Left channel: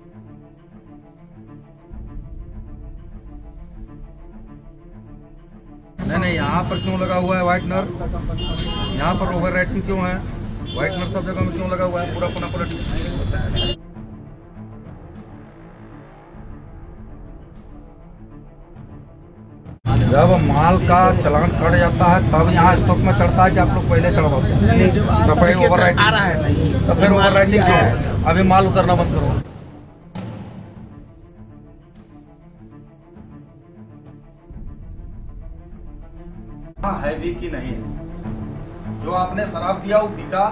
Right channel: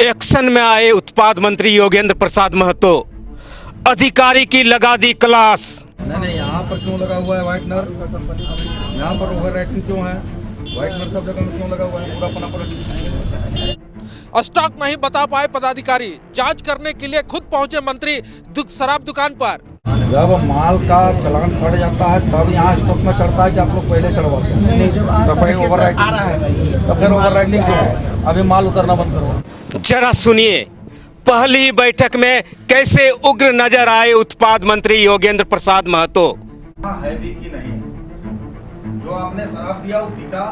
Action में आए उत्पाद मंत्री योगेंद्र प्रसाद महतो, अधिकारी की लगा दी क्लास। नहीं, यहाँ पर क्यों लगा हुआ है व्हाइटनर? यहाँ पर ओवर रेटिंग क्यों है? व्हाइटनर सब जगह में क्यों लगा हुआ है? पूरा अपना स्टॉक नहीं बता पाए पदाधिकारी, जांच करने के लिए खुद पहुंचे मंत्री शराब दुकान पर। जब माल का चलान कट जाता है तब यहाँ स्टॉक में चढ़ता है कि आप लोग पहले चढ़वाते हैं। तो फिर ओवर राइटिंग क्यों है? अभी माल उतरना बंद करो। जरा सुनिए, पहली बैठक में कैसे उग्र नजर आए उत्पाद मंत्री योगेंद्र प्रसाद महतो। है भी कि नहीं है? जो आपने शराब दिया वो बिका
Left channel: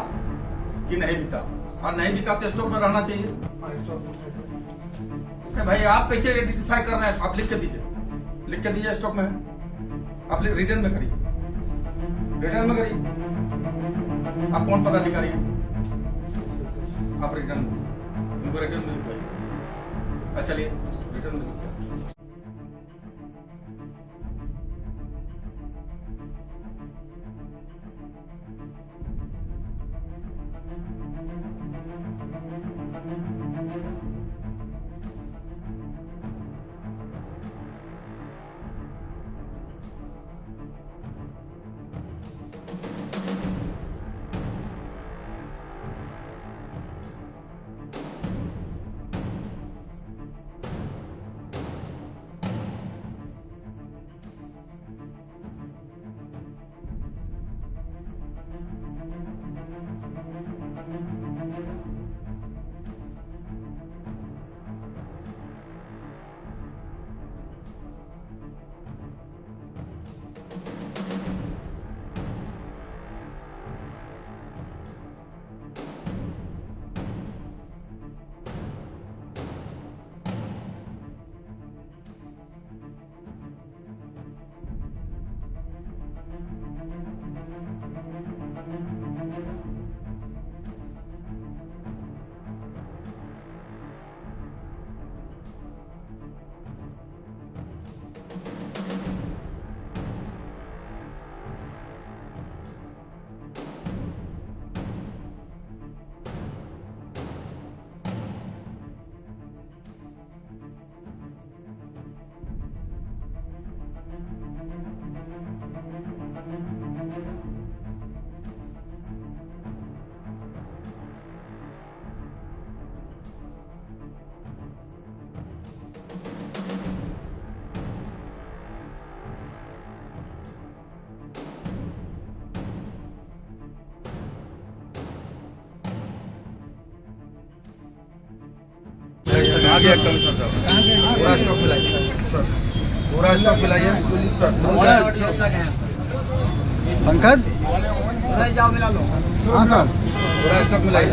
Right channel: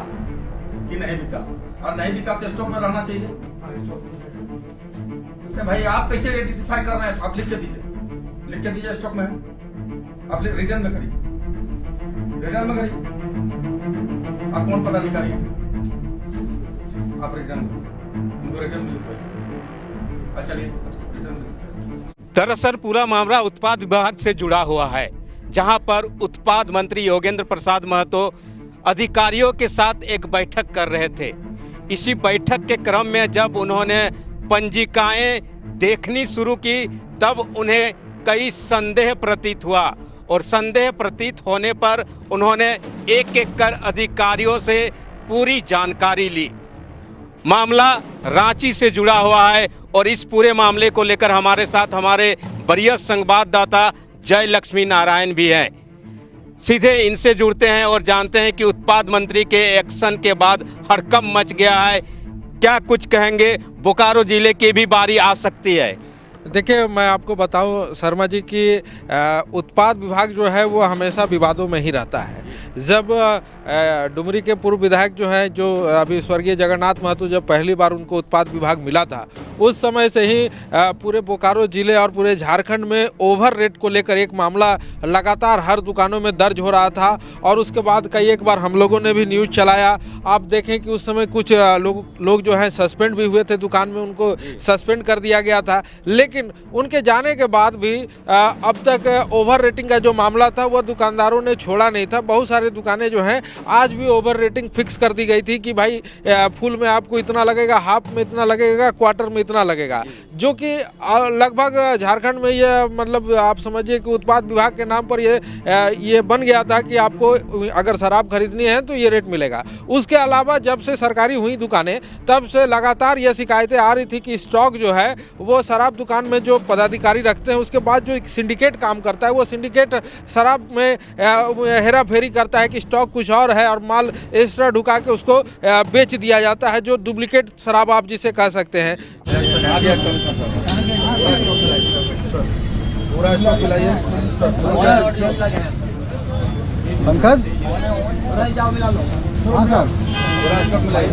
कि नहीं बिका, और नहीं बिका तो स्टॉक में रहना चाहिए। भाई आप कैसे आइडेंटिफाई कर रहे हैं? आप लिख के दीजिए, लिख के दीजिए स्टॉक में है, आप रिटर्न में करिए, रिटर्न में करिए। आप कौन पदाधिकारी हैं? आप रिटर्न उनको रिटर्न में लिखवाइए। चलिए रिटर्न में। दरअसल पूरा मामला उत्पाद विभाग से जुड़ा हुआ है, जहां पर उत्पाद मंत्री योगेंद्र प्रसाद महतो अधिकारियों के साथ एक बैठक कर रहे थे। इसी बैठक के क्रम में जब उन्होंने पंजिकाएं देखनी शुरू की तब उन्हें कई संदेह प्रतीत हुआ, और संदेह प्रतीत होने पर उन्होंने एक एक कर अधिकारियों से पूरी जानकारी ली। मामला रांची से जुड़ा हुआ है और इस पूरे मामले को लेकर हमारे साथ हमारे वरीय संवाददाता जय लक्ष्मी नारायण भी हैं। सीधे इनसे जुड़ते हैं और जानते हैं कि उत्पाद मंत्री के एक्शन के बाद हड़कंप मच गया है। क्या कुछ कहेंगे? बोकारो जिले की भी बारी आ सकती है। देखिए, मैं आपको बताऊं शर्मा जी कि उत्पाद विभाग जो है वो हमेशा विवादों में ही रहता है। जब डुमरी के पूर्व विधायक जो हैं, जो अभी स्वर्गीय जगन्नाथ महतो, जब पहली बार उनको उत्पाद विभाग मिला था, उस समय से ही पूरे बोकारो जिले और पूरे झारखंड में ओवर रेट को लेकर एक मामला लगातार हर दुकानों में दर्ज हो रहा था। और उसके बाद कई एक बार हम लोगों ने भी न्यूज़ चलाया। आप देखें कि उस समय कुछ लोग जो हैं सस्पेंड भी हुए थे दुकान में, उनको सस्पेंड कर दिया गया था। लेकिन उनके जाने के बाद भी अब तक ओवर रेटिंग का जो मामला था वह दुकानदारों ने छोड़ा नहीं था। बहुत सारे दुकानें जो हैं आज भी ओवर रेटिंग फिक्स कर दी गई थी कि भाई फुल में आपको इतना लगेगा, हाफ में इतना लगेगा, क्वार्टर में इतना लगेगा, जो कि लगभग झारखंड में ये मतलब आप समझिए कि उत्पाद विभाग के नाम पर ये बन गया था कि आपको अगर शराब खरीदनी है तो ये रेट मिलेगा। उसके अलावा जब से सरकारी हुई दुकानें तब से लगातार ये शिकायतें आ रही थी कि स्टॉक जो है वो शराब दुकान में जो पदाधिकारी रखते हैं, उसके बाद जो एक सिंडिकेट काम करता है, वो सिंडिकेट शराब में हेरा फेरी करता है कि स्टॉक कुछ और है और माल एक्स्ट्रा ढुका के उसको बेच दिया जाता है, जो डुप्लीकेट शराब आप जिसे कह सकते हैं। पूरा स्टॉक मिलाइए पंकज। हाँ सर, पूरा स्टॉक मिलाइए।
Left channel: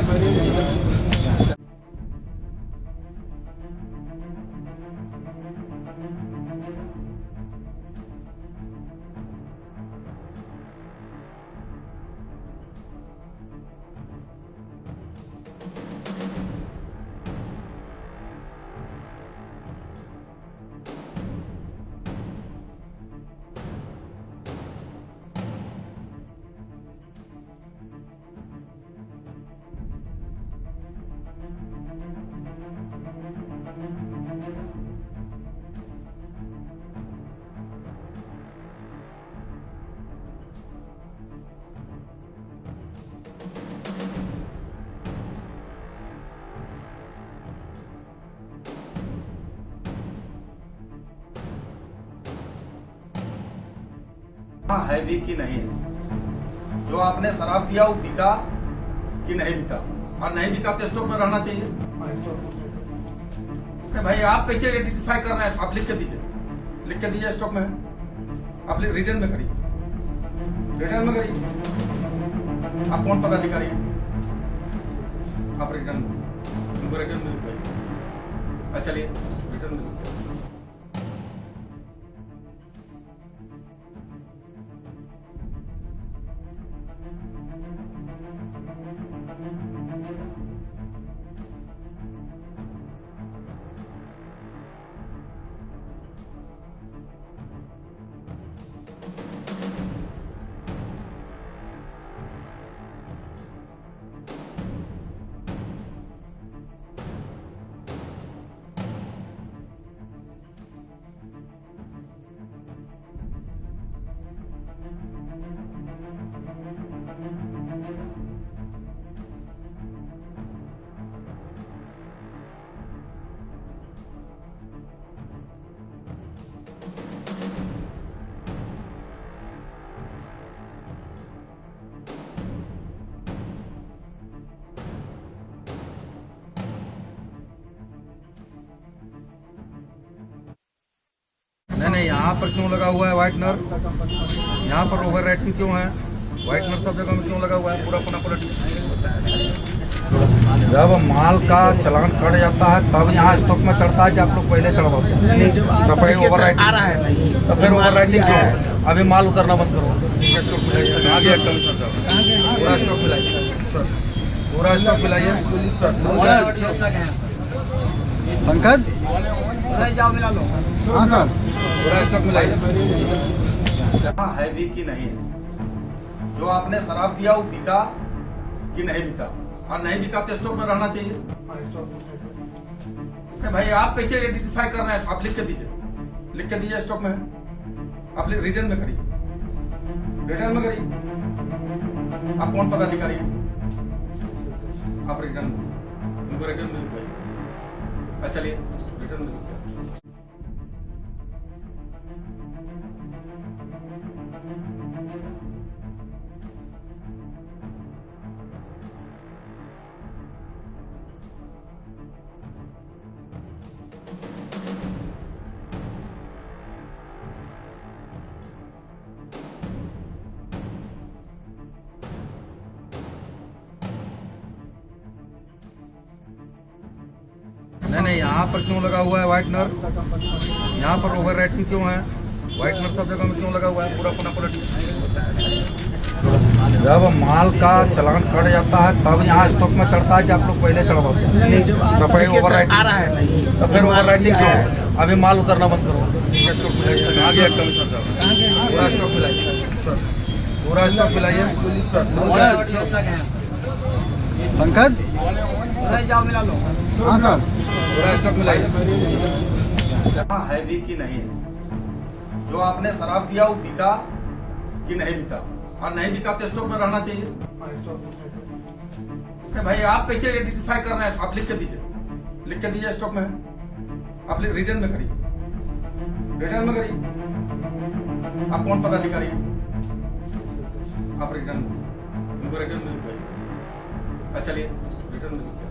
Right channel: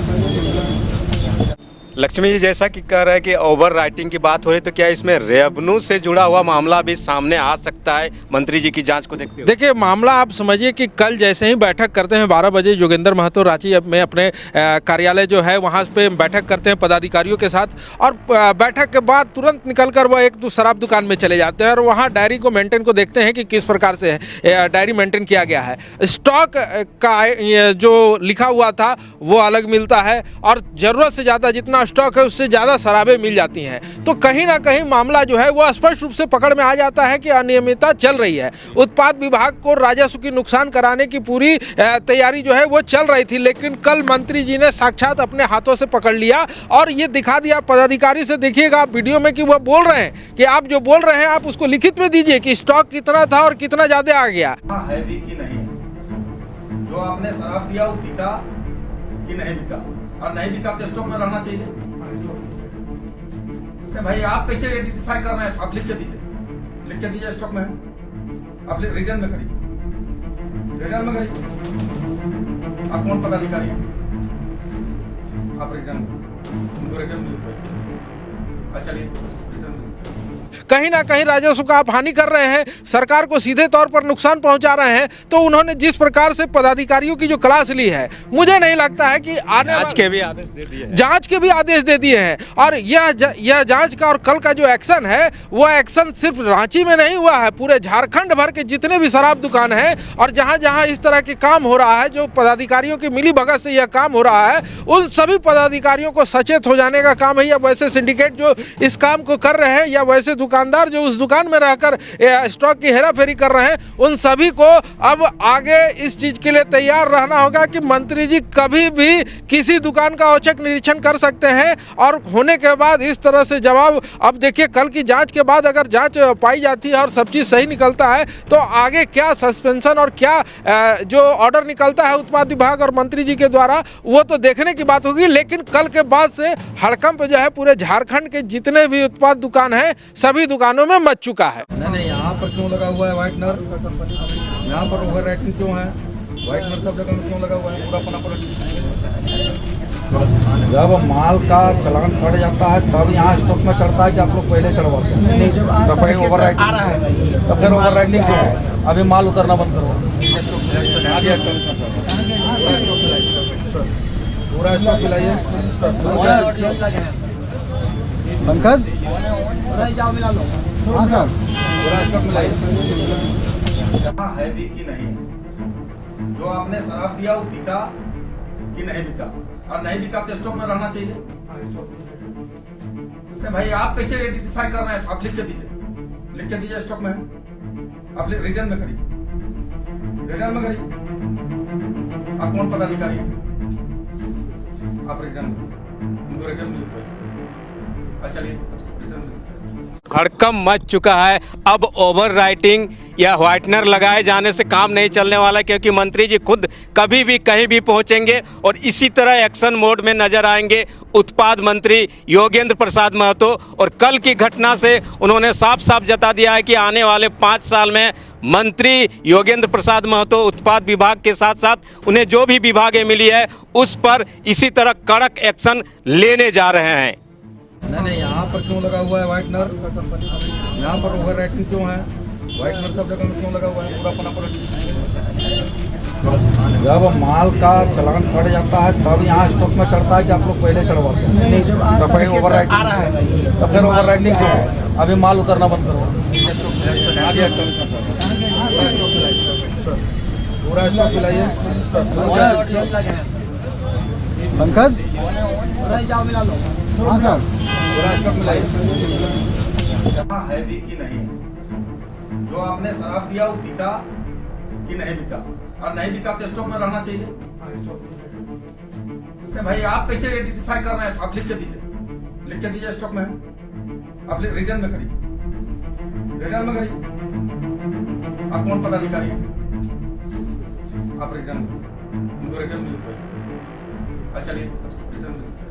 लक्ष्मी जी, जैसा कि कह रहे हैं कि ओवर राइटिंग की बात हो रही, तो क्या इसमें रेवन्यू से जुड़ा हुआ मामला भी सामने आ सकता है मंत्री जी की जांच को देखते हुए? देखिए, मामला आप समझिए कि कल जैसे ही बैठक करते हैं 12 बजे योगेंद्र महतो रांची में अपने कार्यालय जो है वहाँ पे बैठक करते हैं पदाधिकारियों के साथ, और बैठक के बाद तुरंत निकलकर वह एक शराब दुकान में चले जाते हैं और वहाँ डायरी को मेंटेन को देखते हैं कि किस प्रकार से डायरी मेंटेन किया गया है। स्टॉक का जो लिखा हुआ था वो अलग मिलता है और ज़रूरत से ज़्यादा जितना स्टॉक है उससे ज़्यादा शराबें मिल जाती हैं। तो कहीं ना कहीं मामला जो है वो स्पष्ट रूप से पकड़ में आ जाता है कि अनियमितता चल रही है। उत्पाद विभाग को राजस्व की नुकसान कराने की पूरी तैयारी जो है वो चल रही थी, लेकिन कल मंत्री जी ने साक्षात अपने हाथों से पकड़ लिया और ये दिखा दिया पदाधिकारी से। देखिएगा आप वीडियो में कि वह बोल रहे हैं कि आप जो बोल रहे हैं आप उसको लिखित में दीजिए कि स्टॉक कितना था और कितना ज्यादा आ गया है भी कि नहीं है? जो आपने शराब दिया वो बिका कि नहीं बिका, और नहीं बिका तो स्टॉक में रहना चाहिए। भाई आप कैसे आइडेंटिफाई कर रहे हैं? आप लिख के दीजिए, लिख के दीजिए स्टॉक में है, आप रिटर्न में करिए, रिटर्न में करिए। आप कौन पदाधिकारी हैं? आप रिटर्न उनको रिटर्न में लिखवाइए। चलिए रिटर्न में कहीं ना कहीं राजस्व का आप हानि कर रहे हैं, सरकार को सीधे तौर पर नुकसान पहुंचा रहे हैं। तो उन्होंने जिस प्रकार से पदाधिकारियों की जो क्लास ली है, मुझे नहीं लगता है कि जांच के भी आदेश दे दिए हैं। जांच के भी आदेश दे दिए हैं। और यह जांच का और कल का जो एक्शन है, वो एक्शन सिर्फ रांची में नहीं हुआ है, पूरे झारखंड भर के जितने भी शराब दुकान है और जहां जहां इस तरह के काम हो रहा है, जो पदाधिकारियों की मिली भगत से यह काम हो रहा है, उन सभी पदाधिकारियों को सचेत हो जाने का काम है। या वैसे सिंडिकेट जो इस काम को कर रहे हैं, या वैसे दुकानदार जो उस दुकान में रहकर स्टॉक की हेराफेरी कर रहे हैं, उन सभी को अब आगे इस चीज के लिए तैयार रहना होगा कि मंत्री जी कभी भी किसी दुकान का औचक निरीक्षण कर सकते हैं और होने के बाद इस तरह से जवाब। अब देखिए, कल की जांच के बाद अगर जांच पाई जाती है और सब चीज सही निकलता है, तो आगे क्या सस्पेंशन और क्या जो ऑर्डर निकलता है उत्पाद विभाग और मंत्री जी के द्वारा, वो तो देखने की बात होगी। लेकिन कल के बाद से हड़कंप जो है पूरे झारखंड के जितने भी उत्पाद दुकान है, सभी दुकानों में मच चुका है। नहीं, यहाँ पर क्यों लगा हुआ है व्हाइटनर? यहाँ पर ओवर रेटिंग क्यों है? व्हाइटनर सब जगह में क्यों लगा हुआ है? पूरा अपना जब माल का चलान कट जाता है तब यहाँ स्टॉक में चढ़ता है कि आप लोग पहले चढ़वाते हैं? तो फिर ओवर राइटिंग आ रहा है नहीं, तो फिर ओवर राइटिंग क्यों है? अभी माल उतरना बंद करो। स्टॉक मिलाइए, पूरा स्टॉक मिलाइए सर, पूरा स्टॉक मिलाइए पंकज। हाँ सर, पूरा स्टॉक मिलाइए। जहाँ है भी कि नहीं है, जो आपने शराब दिया वो बिका कि नहीं बिका, और नहीं बिका तो स्टॉक में रहना चाहिए। भाई आप कैसे आइडेंटिफाई कर रहे हैं? आप लिख के दीजिए, लिख के दीजिए स्टॉक में है, आप रिटर्न में करिए, रिटर्न में करिए। आप कौन पदाधिकारी है? आप रिटर्न उनको रिटर्न में लिखवाइए। चलिए रिटर्न में लिखवाइए। हड़कंप मच चुका है। अब ओवर राइटिंग या व्हाइटनर लगाए जाने से काम नहीं चलने वाला, क्योंकि मंत्री जी खुद कभी भी कहीं भी पहुंचेंगे और इसी तरह एक्शन मोड में नजर आएंगे उत्पाद मंत्री योगेंद्र प्रसाद महतो। और कल की घटना से उन्होंने साफ साफ जता दिया है कि आने वाले 5 साल में मंत्री योगेंद्र प्रसाद महतो उत्पाद विभाग के साथ साथ उन्हें जो भी विभागें मिली है उस पर इसी तरह कड़क एक्शन लेने जा रहे हैं। नहीं, यहाँ पर क्यों लगा हुआ है व्हाइटनर? यहाँ पर ओवर रेटिंग क्यों है? व्हाइटनर सब जगह में क्यों लगा हुआ है? पूरा अपना जब माल का चलान कट जाता है तब यहाँ स्टॉक में चढ़ता है कि आप लोग पहले चढ़वाते हैं? तो फिर ओवर राइटिंग आ रहा है नहीं, तो फिर ओवर राइटिंग क्यों है? अभी माल उतरना बंद करो। स्टॉक मिलाइए, पूरा स्टॉक मिलाइए सर, पूरा स्टॉक मिलाइए पंकज। हाँ सर, पूरा स्टॉक मिलाइए। जहाँ है भी कि नहीं है, जो आपने शराब दिया वो बिका कि नहीं बिका, और नहीं बिका तो स्टॉक में रहना चाहिए। भाई आप कैसे आइडेंटिफाई कर रहे हैं? आप लिख के दीजिए, लिख के दीजिए स्टॉक में है, आप रिटर्न में करिए, रिटर्न में करिए। आप कौन पदाधिकारी है? आप रिटर्न उनको रिटर्न में लिखवाइए। चलिए रिटर्न में लिखवाइए।